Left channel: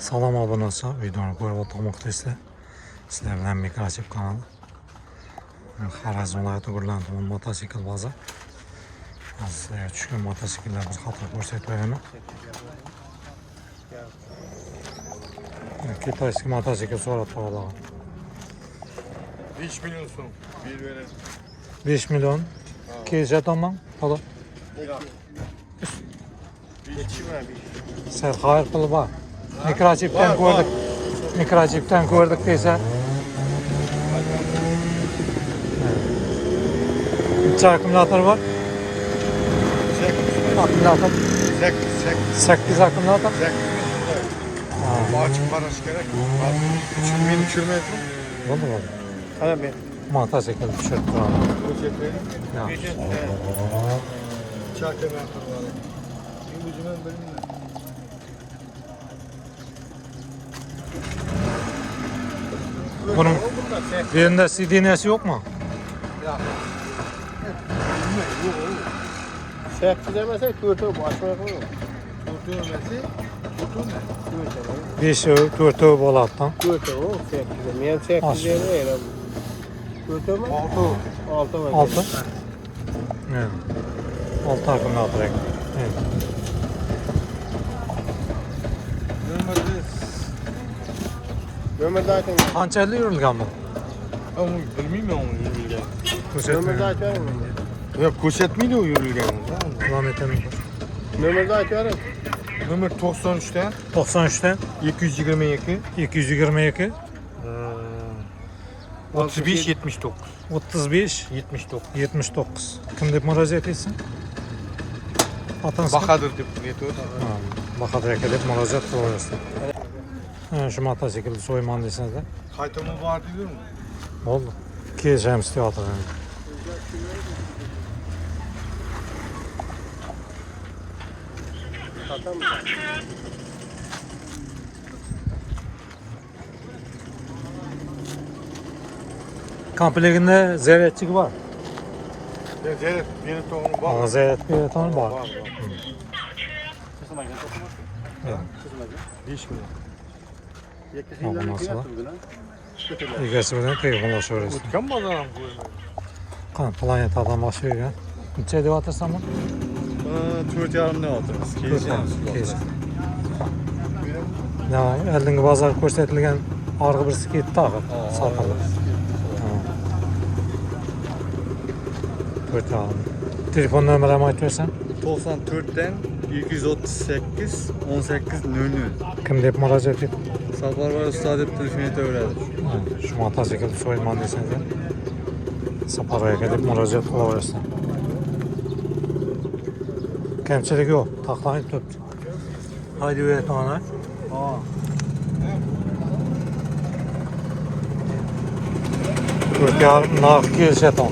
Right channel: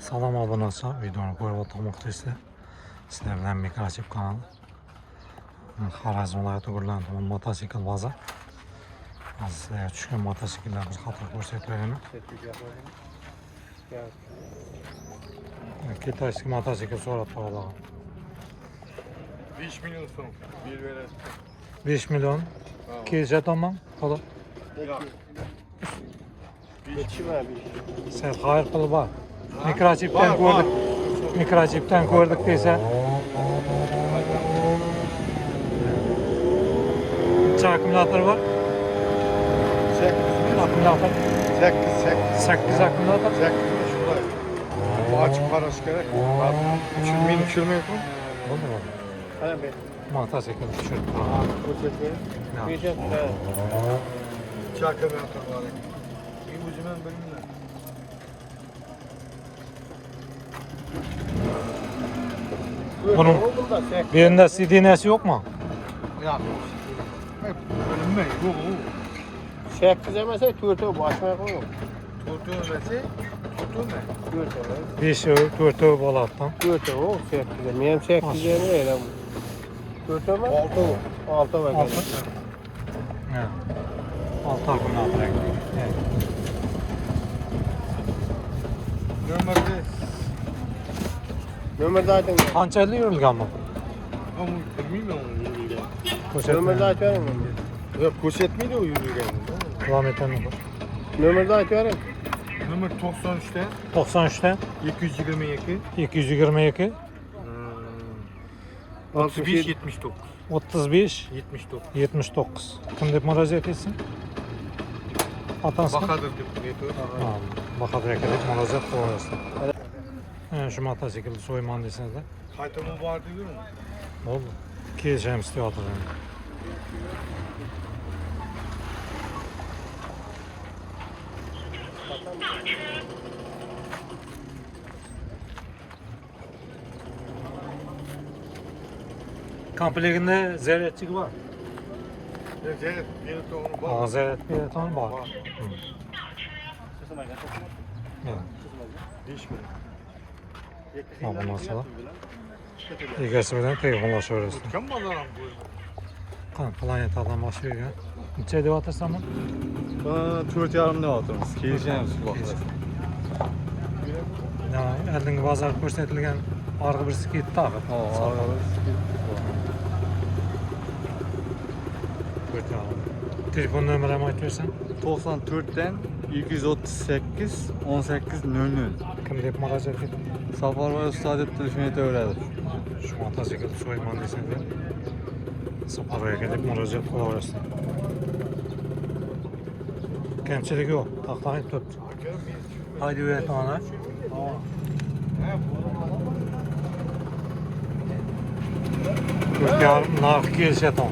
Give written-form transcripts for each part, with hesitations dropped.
Salam abonasi, videoni ko'rib o'tmoqdaysizlar. Sizlar bilan Mikrochip kanalı. Xorazm viloyati Gurlan tuman motosikl bozor. Sizlarga tushgan mototsikllar bir qator ko'rsatib beraman. Kitayskiy motosikl so'rab qolgan. 5 milyon so'm. 5 milyon. Kelishatoman, to'la. Sen xayr qilib bor. Mikrochipdan ko'rdik. Mikrochipdan ko'rdik desa. Necha akkumulyator bor? Akkumulyator 8 akkumulyator. Açık var aşkara. Çünkü beni düşürmüyorsun. Bo'ldi. Ana ben. Motosikl tushirib turaman. Bu cephe. Ya. Çakır yaptım var. Bir ucundan bölümler. Bunun birinde CD'nesi yok mu? Şekil demesek tuğurtu başmaya koyalım. Tuğurtu öylesi. Tuğurtu ne? Tuğurtu. 5 4 bo'ladi. Tuğurtu o şekil. Benim şekil demeyeyim. Tuğurtu mu? Altı mı? 6. Ha. 6 akkumulyator. Evet. Ömür zaten. Qanchalik yurilgan bu? Ama bilmiyorum onu yürürken. Ömür Ko'rsatmayman. zaten mi? Yok ko'rsatmaydi o yürürken. Kilometrni ko'r. Ömür zaten. Ömür 93'te. 93'ten 222. 222 35 79. 35 79. 79. Kim deb murojaat etsin? Otangizga? Bahadır dip metot. Ha, Bahadır aka deb murojaat qilaverasizlar. Shu mototsiklni so'yman desangizlar. Kaytamı var diyor mu? Bo'ldi. Kelishamiz teatr endi. Komplektinde zaryadchik var. Evet, beni tohum var. Zaryad beratoni bor. Evet. Diş mi? Mana bu narsalar. Egasi bilan telefonlashaverasizlar. Kim bazaram bu? Qani planetadan boshlaygan. Necha deyapsan buni? 4,5 ne atırız? Keyin. Ya, oldingi bozor ko'rsatilgan orqa birisi ketdi tag'in. Sotildi. Telefon numaramı aytırsan? 94'ten 238 18 00. Kim deb murojaat et? Safarbar usta deb telefon etaveradi. Shu motosikl so'yman desanglar, Saparboy aka deb murojaat qilaverasizlar. Kamchilik yo'q, taqlanib turibdi. Haydi buyat ona. To'rt yarim narx kelishyapti.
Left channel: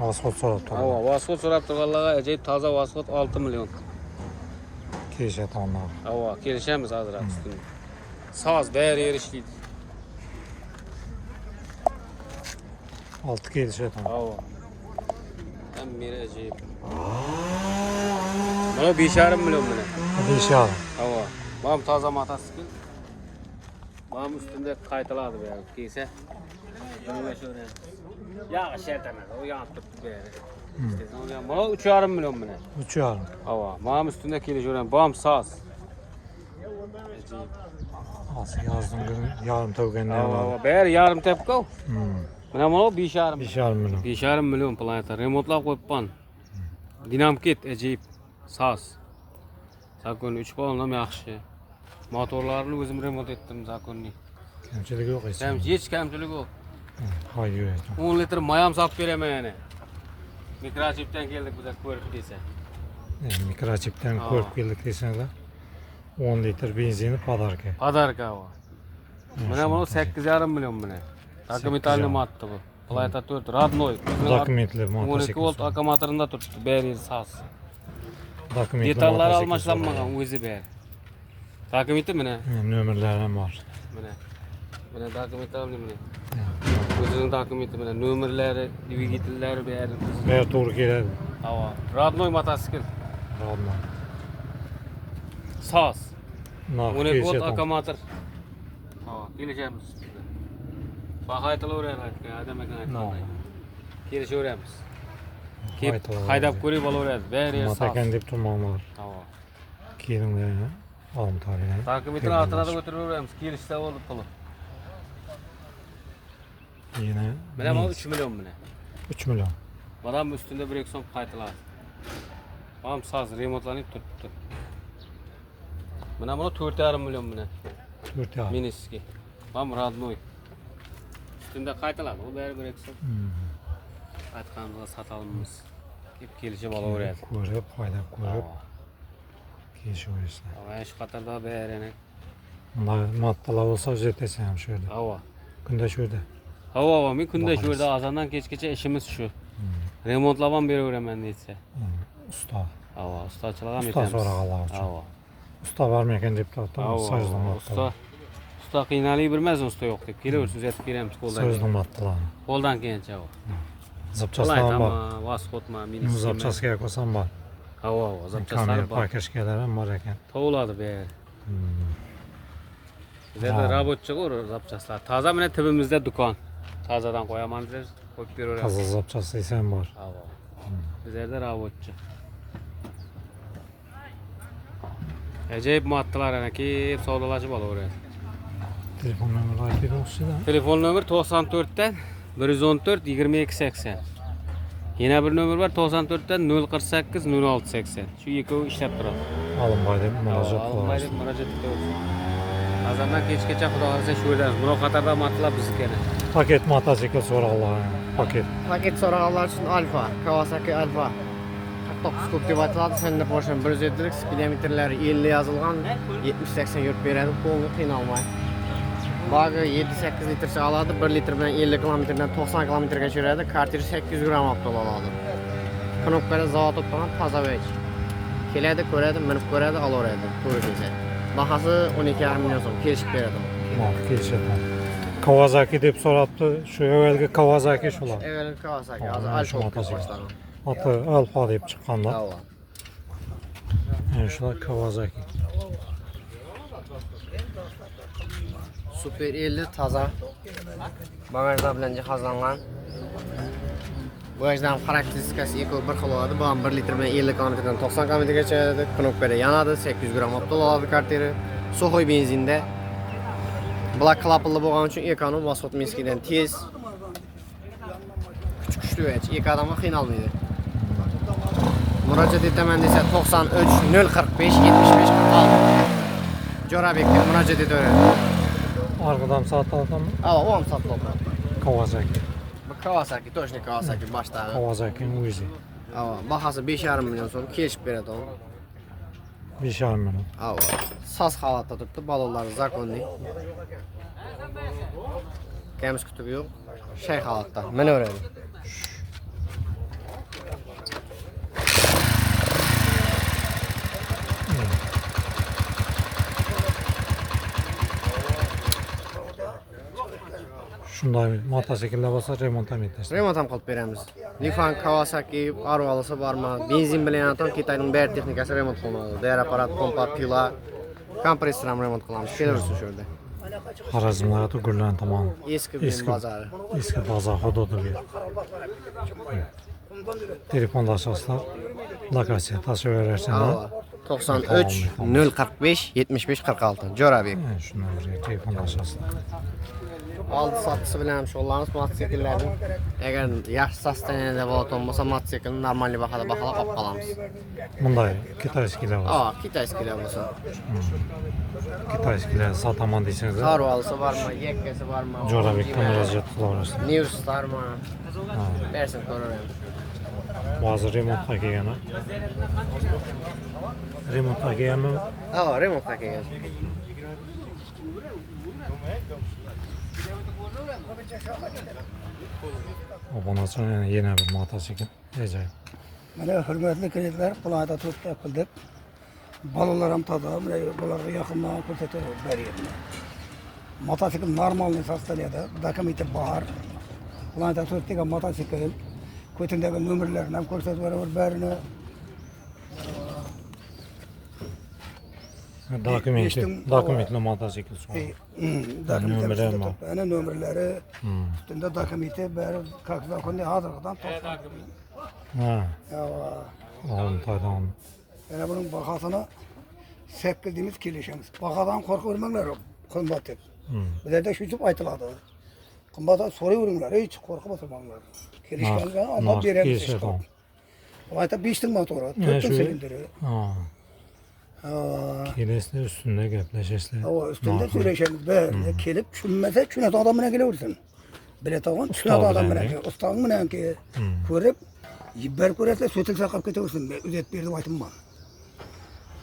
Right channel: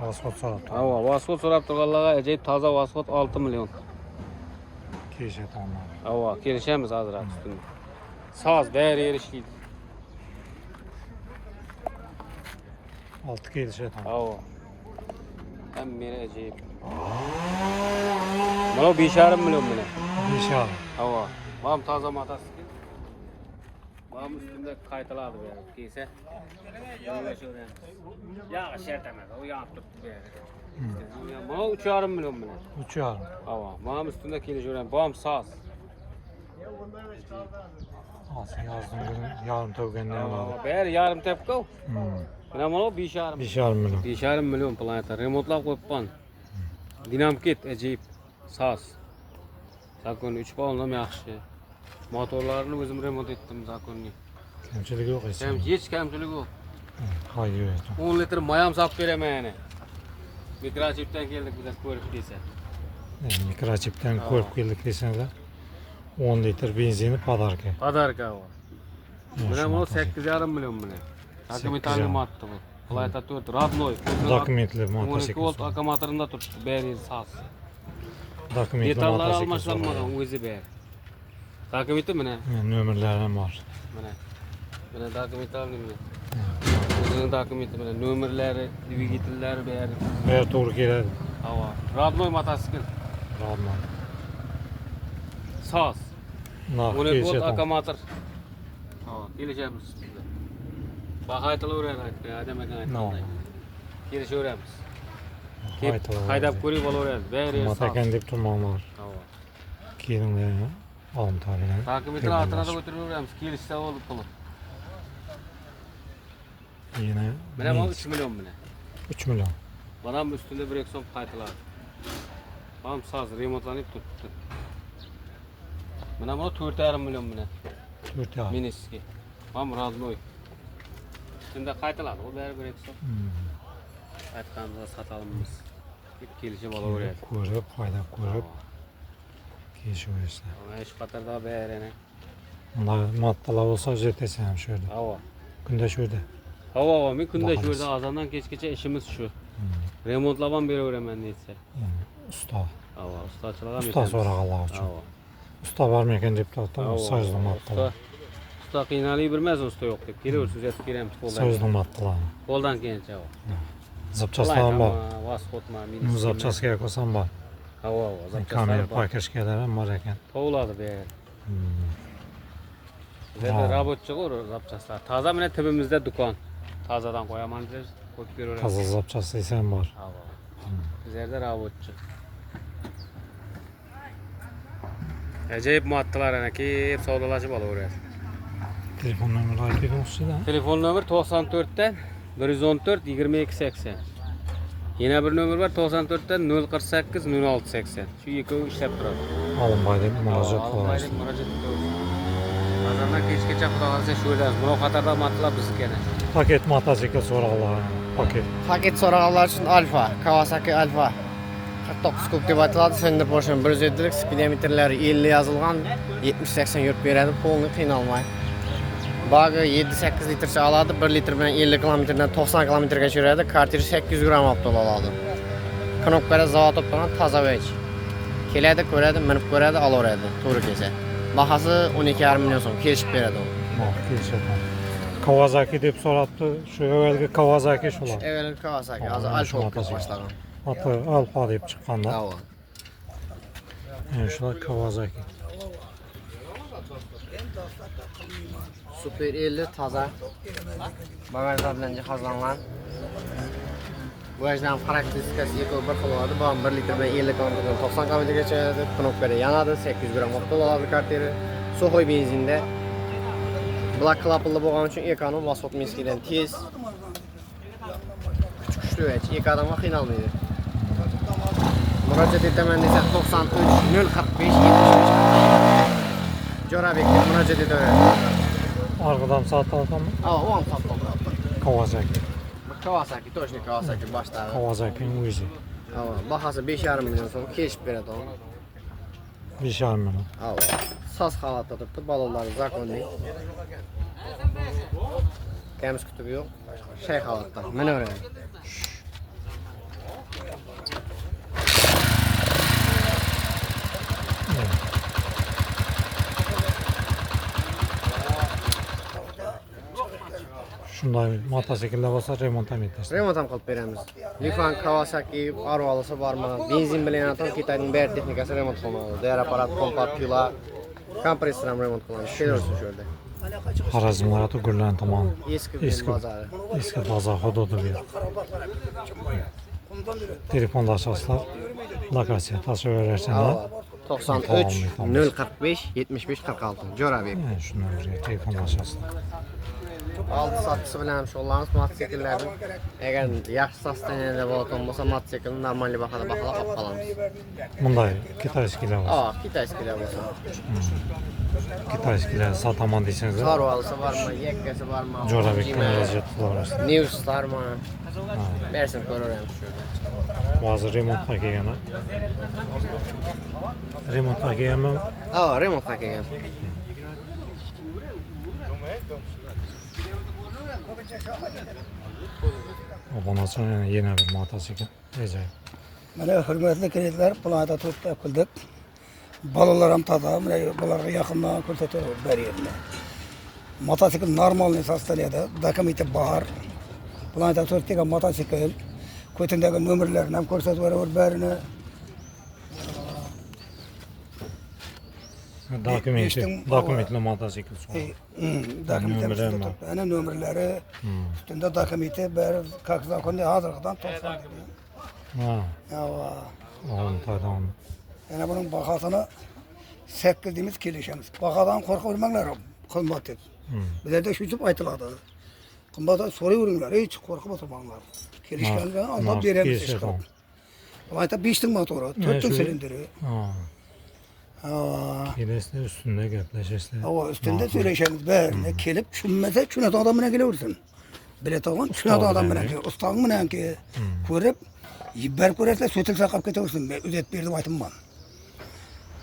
Vasfot so'rabdi. Ava, vasfot so'rab turganlarga ajoyib toza vasfot 6 million. Kelishyapti onlar. Ava, kelishamiz hozir ustida. Soz bari erishdik. 6 kelishyapti. Ava. Ham meni ajoyib. Mana 5,5 million mana. 5,5. Ava, bam toza motosikl. Bam ustida qaytaladi bu yerga kelsa. O'ylashaveradi. Yağı şertemez, o yanıp tuttu beri. Mana 3,5 million mana. 3,5. Ava, mana ustida kelishaveradi. Bam soz. Asıl yazdım günü yarım tövgenler var. Ava, bari yarim tepko. Mana 5,5. 5,5 milyon. 5,5 million planeta. Remontlab qo'yibman. Dinamket ajoyib. Soz. Zakon 3 balondan yaxshi. Motorlarini o'zim remont etdim zakonni. Kamchilik yo'q hech. Hech kamchilik yo'q. Haydi buyat. 10 litr mayam sotib beraman yana. Mikrochipdan keldik bizlar ko'rib desa. Mikrochipdan ko'rib keldik desanglar 10 litr benzini podarka. Podarka bu. Mana 8,5 million mana. Dokumentalniy matdi bu. Planeta 4 родной. Dokumentli 12 motosikl. volt akkumulyatorida turibdi. Bari soz. Dokumentli Detallari motosikl. almashlanmagan o'zi bari. Dokumenti mana. Nomerlari ham bor. Mana. Mana dokumentalniy mana. O'zining dokumenti mana nomerlari, dvigatellari bari. Bari to'g'ri keladi. Ava, родной motosikl. Radman. Saz. Nah, 12 volt keyişet on. akamator. Tamam, geleceğimiz üstünde. Bak haytalı öğren aytmay, adam ekan aytmay. Gelişe öğrenmiz. Haydap ko'rib olaveradi. Bari Matakan deb turmanlar. Tamam. Keyin olum tabilen. Takibetini artırada götürüveramiz. Kelishsa bo'lib qoladi. Yine Mana bu 3 milyon mana. 3 milyon. Adam üstünde bir ekson qaytiladi. Ham saz remontlanib turibdi. Mana bu 4,5 milyon mana. 4 ya. Miniski. Ham radnoy. Üstünde qaytiladi. O bari bir ekson. Aytganimizga satalımız. Hep kelishib olaveradi. Ko'rib, haydab ko'rib keyishaverasizlar. Ama ish qatorda bari. Bunday moddalar bo'lsa o'zetasan ham shu yerda. Havo. Kunda shu yerda. Havo, men kunda Baharız. shu yerda azandan kechgacha ishimiz shu. Remontlab ham beraveraman deysa. Usta. Havo, ustachilik ham Usta so'raganlar uchun. Havo. Usta barmikan deb turibdi. So'zli moddalar. Usta qiynalib bilmez usta yo'q deb kelaversin, uzatib beramiz qo'ldan. So'zli moddalar. Qo'ldan kelgancha. Zapchastlar ham bor. Vasxotma, Nu zapchaskaga qo'ysam bor. Havo, Kamera zapchastlar. pakashkalar ham bor ekan. Tovladi be. Bizda robotchi qo'r zapchastlar. Toza mana tibimizda do'kon. Tozadan qo'yaman deb qo'yib beraveramiz. Toza zapchastasi ham bor. Havo. Bizda robotchi. Ajoyib moddalar ana kelib savdolashib olaveradi. Telefon nomeri aytib o'tishda. Telefon nomer 94 dan 114 22 80. Yana bir nomer var 94 dan 048 06 80. Shu ikkovi ishlab turadi. Olinboy deb murojaat qilaverasiz. Murojaat qilaverasiz. Azaldan kechgacha xudo xohlasa shu yerda muloqotlarda matlar bizniki yana. Paket mototsikl so'rag'anlar. Paket. Paket so'raganlar uchun Alfa, Kawasaki Alfa 49 kub deb aytiladi. Senda Porsche 107lik speedometrlari 50 yozilgan, 70-80 yurib beradi, qo'lni qiynalmay. Bag'i 7-8 litrcha oladi, 1 litr bilan 50 kilometrdan 90 kilometrgacha yuradi, kartiri 800 gram olib oladi. Knopkada zavod topgan toza vech. Keladi, ko'radi, minib ko'radi, olaveradi, to'g'ri kelsa. Bahasi 12,5 million so'm, kelishib beradi. Kelishadi. Kawasaki deb so'rabdi. Shu yerga Kawasaki shular. Evet, Kawasaki, Aa, hozir shu Alfa mototsikl. boshlangan. Ati Alfa deb chiqqanda. Havo. Shular Kawasaki. Super 50 toza. Bagajlar bilan jihozlangan. Bagajdan xarakteristikasi ekol bir xil bo'ladi. Bu ham 1 litr bilan 50 kilometrdan 90 kilometrgacha knopkada yanadi, 800 gram vaqt oladi kartiri. So'xoy benzinda. Black klaplı bo'lgani uchun ekonom Vasxot Minskidan tez. Kuchli vech, ikki odamga qiynalmaydi. Murojaat etaman desa 93 045 75. Jo'rabekka murojaat etaveradi. Arqadan sotiladimi? Ha, o ham sotiladi. Kawasaki. Kawasaki, точно Kawasaki boshdan. Kawasaki'nin o'zi. Ha, bahasi 5,5 million so'm kelishib beradi onu. 5,5 million. Ha, saz holatda turibdi, balonlari zakonli. Kamiz kutubi yo'q. Shay holatda. Minaveradi. Shunday mototsikllar bo'lsa remont ham etasiz. Remont ham qilib beramiz. Lifan, Kawasaki, Arvalisi bormi? Benzin bilan ham Xitoyning bar texnikasi remont qilinadi. Dayar apparat, kompat, pila, kompressor ham remont qilamiz. Kelamiz shu yerda. Xorazmlar Gurlan tomon. Eski Eski bozori. eski bozor hududi bu. Telefonlashasizlar. Lokatsiya tasvirlashinglar. 93 045 75 46. Jo'rabek. Shundan birga telefonlashasizlar. Aldı satışı bilan ham shug'ullanamiz mototsikllarni. Agar yaxshi sostoyaniyada bo'lgan bo'lsa, mototsiklni normal bahada baholab olib qolamiz. Bunday kitayskilar bo'lsa. Kitayskilar bo'lsa. Kitayskilar sotaman deysangizlar. Sarvalisi bormi, yakkasi bormi? Jo'rabekka murojaat qilaverasiz. News bormi? Bersin ko'raveramiz shu yerda. Hozir remontga kelgan. Remontga kelganmi? Remontga kelgan. Obunachilar yana bir mototsikl. Ajoyib. Mana hurmatli klientlar, bularga to'xtab qildik. Bolalar ham toza, mana bularga yaqindan ko'rsatib beryapman. Mototsikl normalniy sostaniyada, dokumenти bor. Bularga to'xtagan mototsikl, ko'tindagi nomerlarni ham ko'rsatib beraver barini. Dokumentli motosikl so'radi. Nömrleri var. Ana nömrleri Hmm. üstünde dokumenti beri kakzan kondi hazırdan toplandı. Ha, Ya oğlum pardon. yani bunun bakasını 8 dimiz kilişemiz. Bakadan korku bilmekler kımbat et. Bizlerde şuçup aytıladı. Kımbata soruyorlar hiç korku batırmanglar. Kilişkenler Allah veremiz işte. Ayta 5'tin motoru, 4'tün silindiri. Ha, kilesli üstünde gepleşirse. O üstünde söyleşemiz böyle kelip şunmese şuna da adamına geliyorsun. Bilet algan şuna da adamına geliyor. Ustağın mı ki görüp ber körese sötülse kap keteyorsun. Üzet berdim aytımman.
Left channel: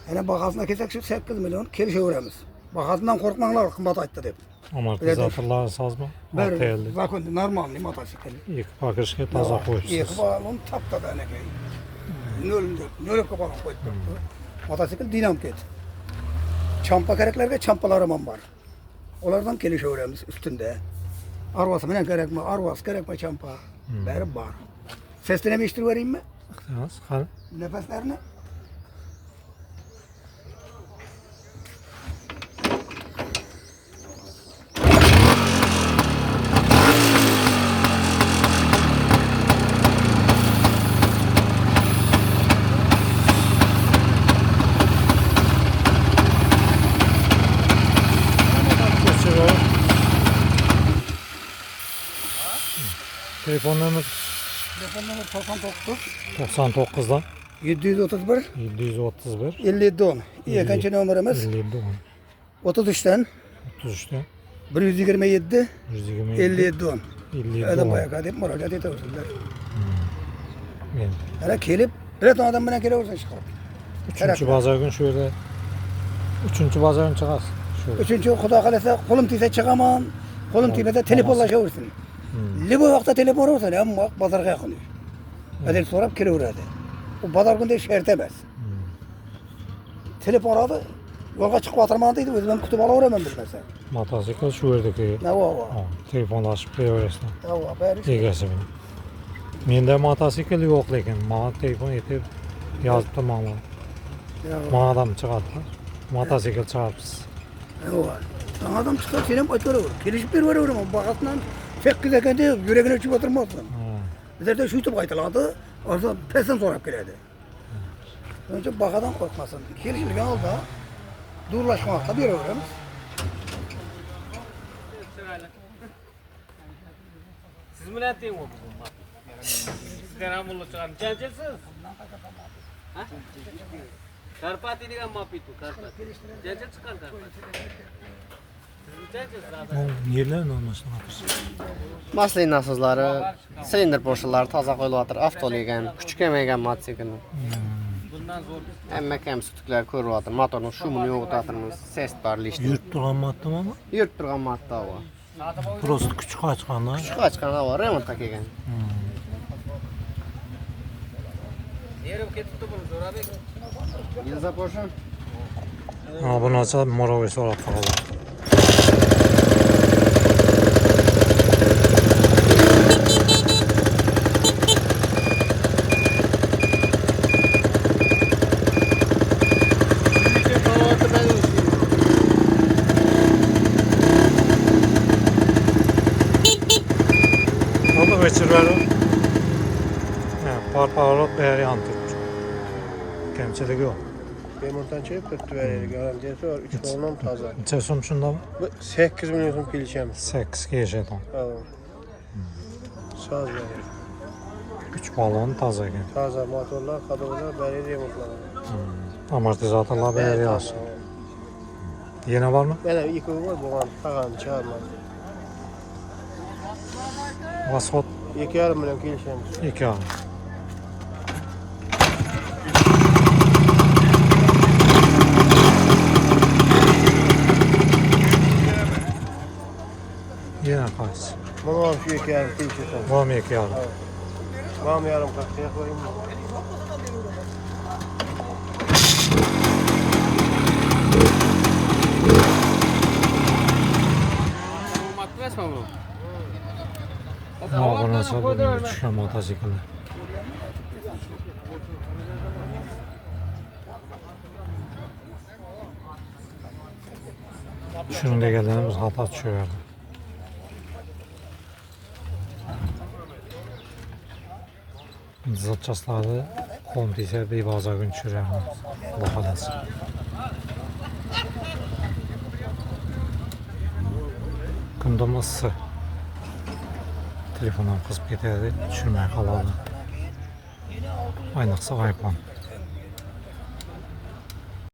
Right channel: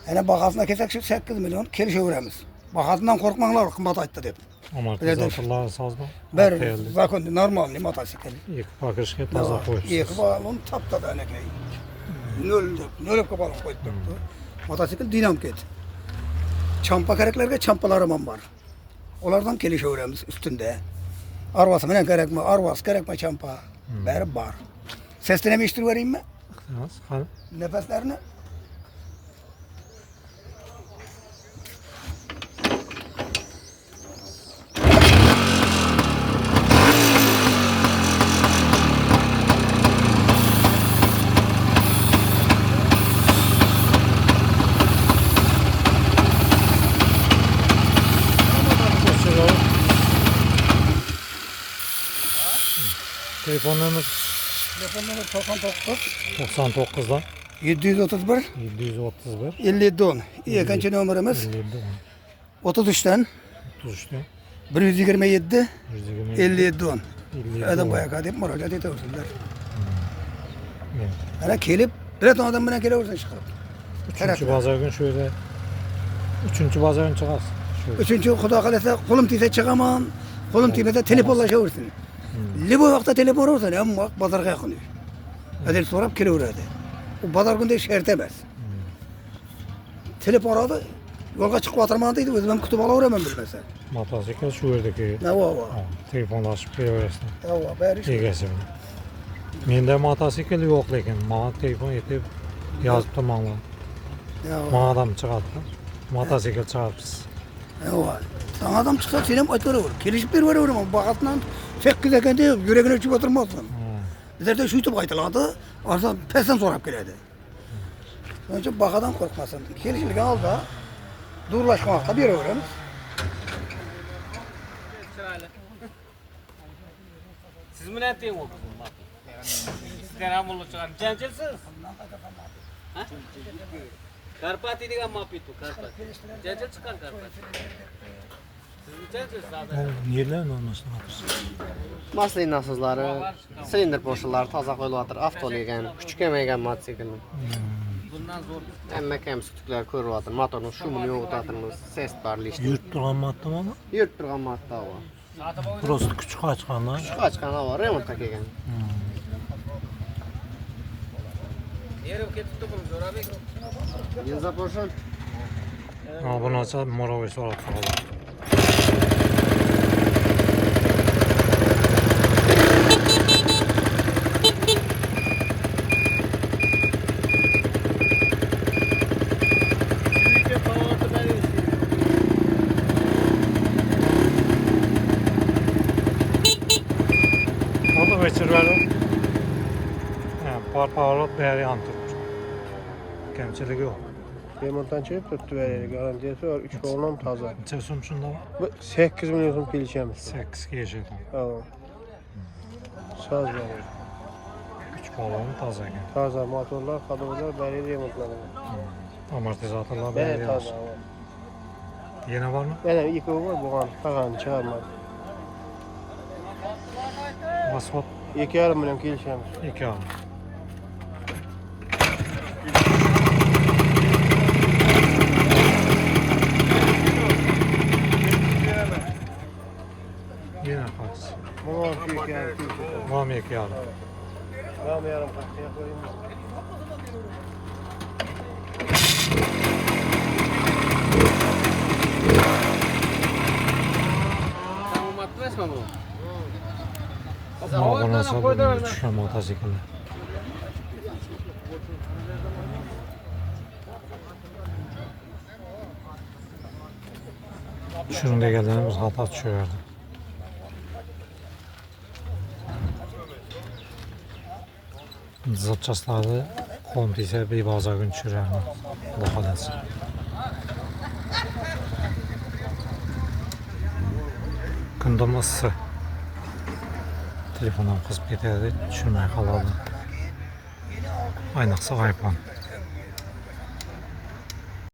Yani bakasına kesek şu 8 milyon kelişe veremiz. Bakasından korkmanglar kımbat aytdı dep. Amortizatorlar saz mı? Ber zakon normal ne motosikl. İlk bakışga toza qo'yibsiz. İyi balon tapta da ne kay. Nol balon koydu. Motosikl dinamik. Çampa kereklerge çampalarım var. Onlardan kelişe veremiz üstünde. Arvası menen kerekme, arvas kerekme çampa. Beri var. Sesini meştir vereyim mi? Hadi. Nefeslerini. Telefon nömrü Telefonları 99'dan 731 731 57 10. İkinci numaramız 57 33'ten 33'te 127 127 57 10. 57 Adam on. bayağı kadar müracaat ediyorsunlar. Evet. Hala kelip bir adam bana geliyorsun çıkar. Üçüncü pazar gün şöyle üçüncü pazar gün çıkar. Şöyle. Üçüncü kuda kalırsa kolum tiyse çıkamam. Kolum tiyse telefonlaşıyorsun. Libo vakti telefon olsa ne ama pazarga yakın. Hadi sorup kilo uğradı. O pazar günde şertemez. Telefon aradı. Yolga çıkıp atırmadıydı. Özüm kutup alıveремem bilmese. Motosikl şu yerdeki Ne o? telefonlaşıp geliversin. Ya bari Egasi bilan. Menda motosikl yo'q lekin manga telefon yetib yozib turmanglar. Ya Manga adam chiqadi. Motosikl chiqaribsiz. Sana adam çıksa senem aytılır. Kelişip bir veriyorum ama bakasından 8 ekende yüreğine çıkıp oturmazsın. Bizlerde şu YouTube aytıladı. Arsa pesen sorup geledi. Önce bakadan korkmasın. Kelişlik al da durlaşmakta bir öğrenmiş. Siz mi ne diyorsunuz? Sizden hamurlu çıkar. Cancısınız? Karpati diye mapitu. Karpati. Cancı çıkar Karpati. Yerler olmasın artık. Maslin nasızları, silindir poşaları taza koyulur. Avtolaygan, küçük emeğen motosikl. Bundan zor. Emme kemsiklikler koyulur. Motorun şumunu yoğutatırmız. Ses barlı işte. Yurt turgan matdım ama Yurt turgan matta var. prosto küçük açqanda. Şu açkanda var, remonta kelgan. Yerim ketipti bunu Zorabek. Yılza poşan. Ha bunu açsa morovay so'rab qoladi. Oldu geçirver. Parparot beri yan tutmuş. Kemçiligi yok. Remontdan çıkıp tuttu vereli. Garantiyası var. 3 kolundan taza. Neçe so'm shunda mı? 8 milyon so'm kelişemiz. 8 geçedi. Tamam. Saz vereli. 3 balon toza ekan. Taza motorlar, kadrolar beri remontlanıyor. Amortizatorlar beri yaxshi. Yana bormi? Yana ikkovi var bu an. Tag'ani chiqarmadi. Asfalt 2,5 milyon kelishamiz. 2 al. Yana qaysi? Bana şu 2,5 kelishamiz. Bormi 2 al. Var mı yarım takviye koyayım mı? Bu matras mı bu? Ama bu nasıl bunun düşen motosikl. Düşürün deganlarimiz xato tushaverdi. Zapchastlarni qo'm tegsa bebozorga tushirarman. Xudo xohlasa. Kundum issiq. Telefonum qizib ketadi, tushirmay qoladi. Ayniqsa iPhone.